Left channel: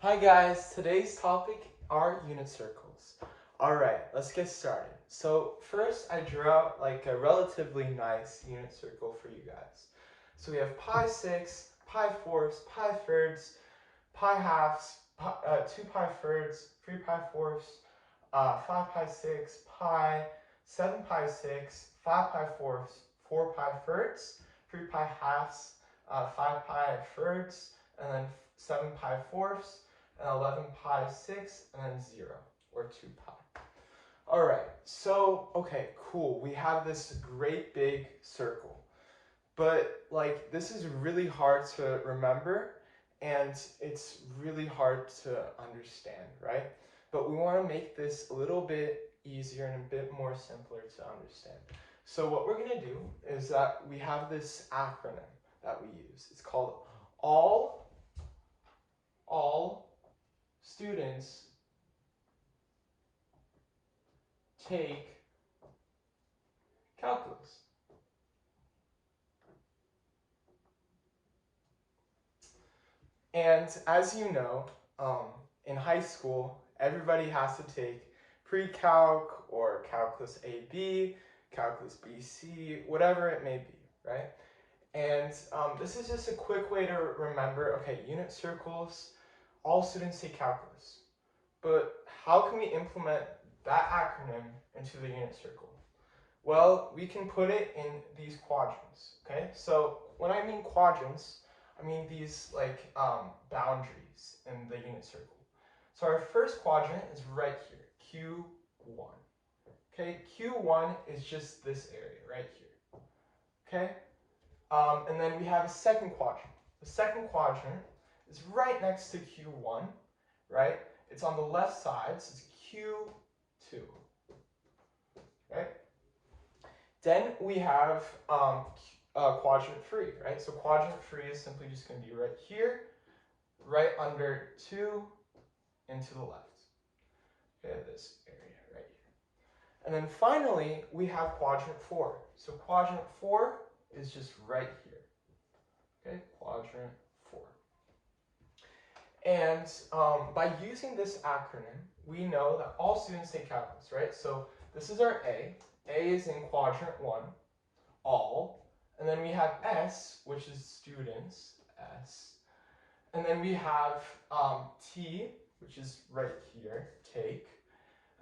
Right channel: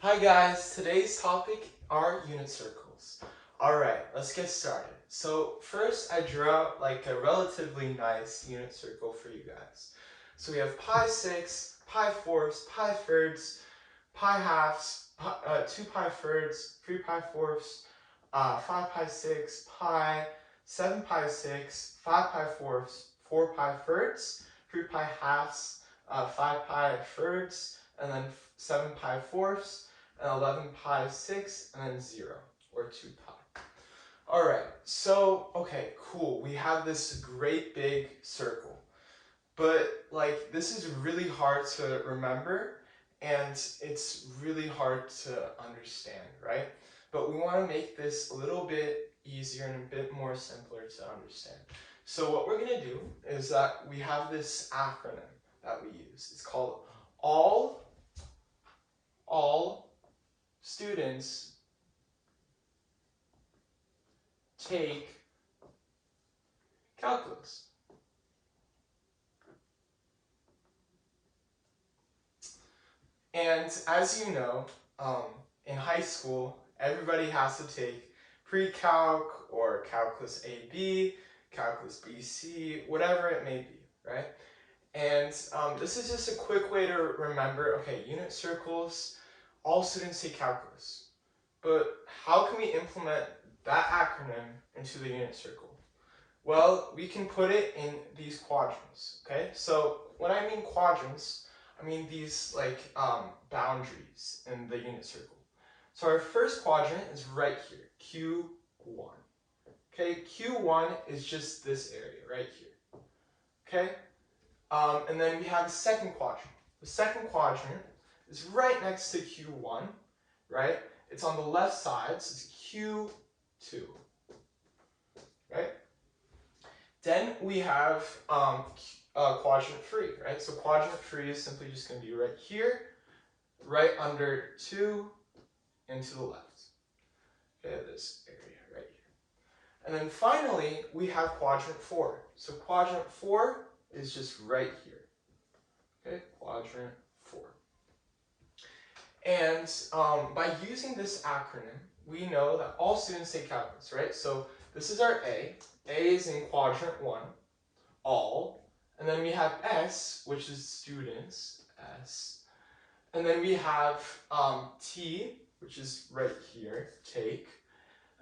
Hi guys, today's topic are unit circles. Alright, let's get started. So first I drew out like a relatively nice unit circle for you guys. So we have pi 6, pi fourths, pi thirds, pi halves, 2 pi thirds, 3 pi fourths, 5 pi 6, pi, 7 pi 6, 5 pi fourths, 4 pi thirds, 3 pi halves, 5 pi thirds, and then 7 pi fourths, and 11 pi 6, and then 0, or 2 pi. Alright, so, okay, cool. We have this great big circle. But, like, this is really hard to remember, and it's really hard to understand, right? But we want to make this a little bit easier and a bit more simpler to understand. So what we're going to do is that we have this acronym that we use. It's called all students take calculus. And as you know, in high school, everybody has to take pre-calc or calculus AB, calculus BC, whatever it may be, right? And this is just a quick way to remember, okay, unit circles, all students take calculus. But how can we implement that acronym into the unit circle? Well, we can put it in these quadrants, okay? So when I mean quadrants, I mean these like boundaries in the unit circle. So our first quadrant is right here, Q1. Okay, Q1 is just this area right here. Okay, and then we have a second quadrant. The second quadrant is right next to Q1, right? It's on the left side, so it's Q2, right? Then we have quadrant 3, right? So quadrant 3 is simply just going to be right here, right under 2, and to the left. Okay, this area right here. And then finally, we have quadrant 4. So quadrant 4 is just right here. Okay, quadrant 4. And by using this acronym, we know that all students take calculus, right? So this is our A. A is in quadrant 1, all. And then we have S, which is students, S. And then we have T, which is right here, take.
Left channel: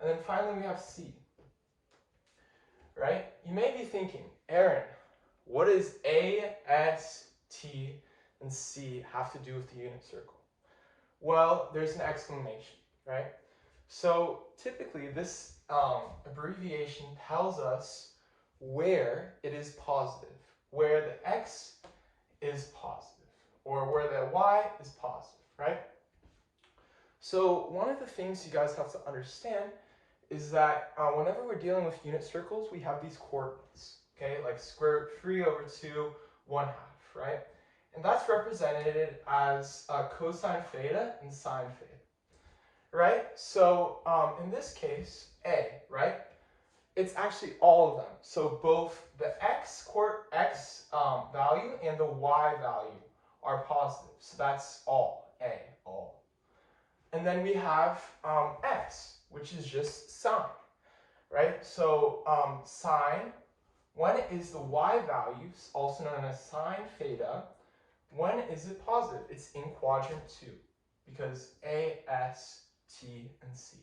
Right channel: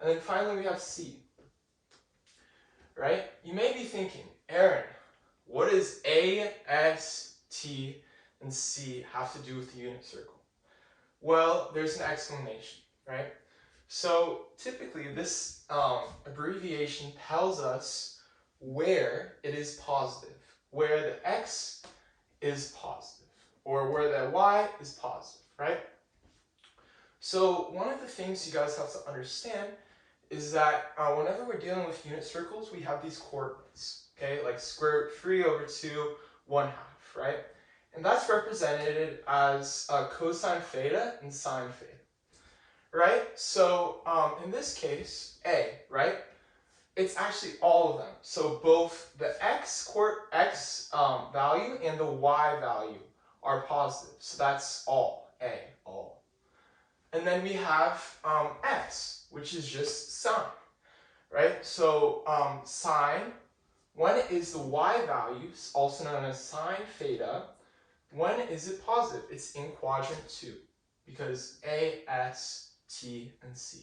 And then finally we have C, right? You may be thinking, Aaron, what does A, S, T, and C have to do with the unit circle? Well, there's an explanation, right? So typically this abbreviation tells us where it is positive, where the X is positive, or where the Y is positive, right? So one of the things you guys have to understand is that whenever we're dealing with unit circles, we have these coordinates, okay? Like square root 3 over 2, 1/2, right? And that's represented as cosine theta and sine theta, right? So in this case, A, right? It's actually all of them. So both the x value and the y value are positive. So that's all, A, all. And then we have x, which is just sine, right? So sine, when is the y value, also known as sine theta, when is it positive? It's in quadrant 2, because A, S, T, and C,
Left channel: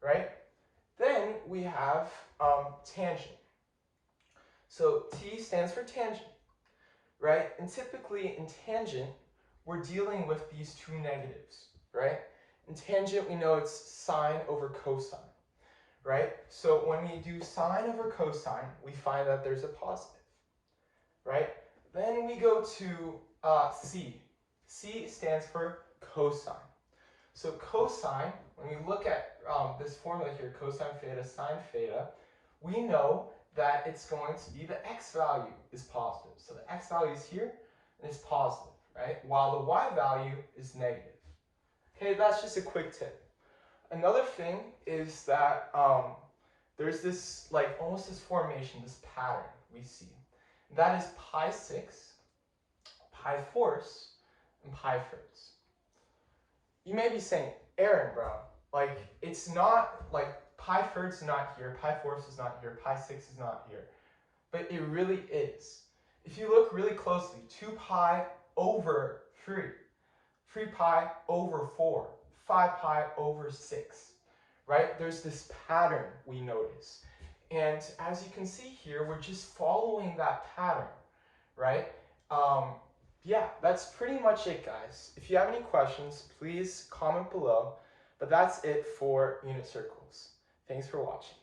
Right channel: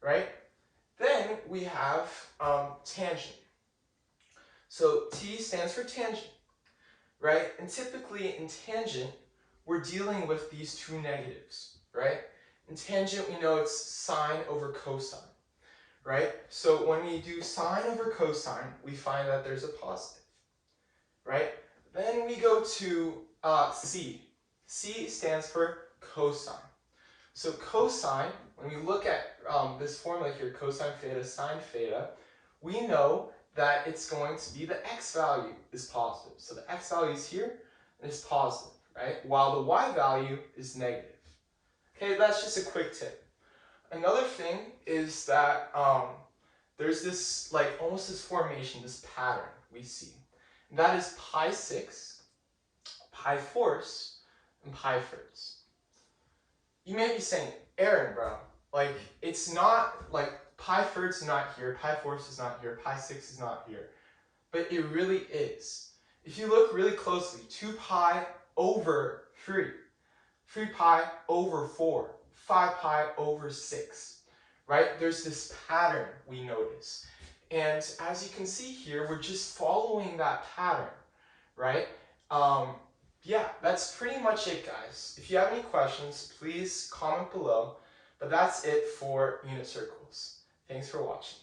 right? Then we have tangent. So T stands for tangent, right? And typically in tangent, we're dealing with these two negatives, right? In tangent, we know it's sine over cosine, right? So when we do sine over cosine, we find that there's a positive, right? Then we go to C. C stands for cosine. So cosine, when we look at this formula here, cosine theta, sine theta, we know that it's going to be the x value is positive. So the x value is here, and it's positive, right? While the y value is negative. Okay, that's just a quick tip. Another thing is that there's this, like, almost this formation, this pattern we see. And that is pi 6, pi fourths, and pi thirds. you may be saying, Aaron, bro, like, it's not, like, pi third's not here, pi fourths is not here, pi sixths is not here. But it really is. If you look really closely, 2 pi over 3, 3 pi over 4, 5 pi over 6, right? There's this pattern we notice. And as you can see here, we're just following that pattern, right? Yeah, that's pretty much it, guys. If you have any questions, please comment below. But that's it for unit circles. Thanks for watching.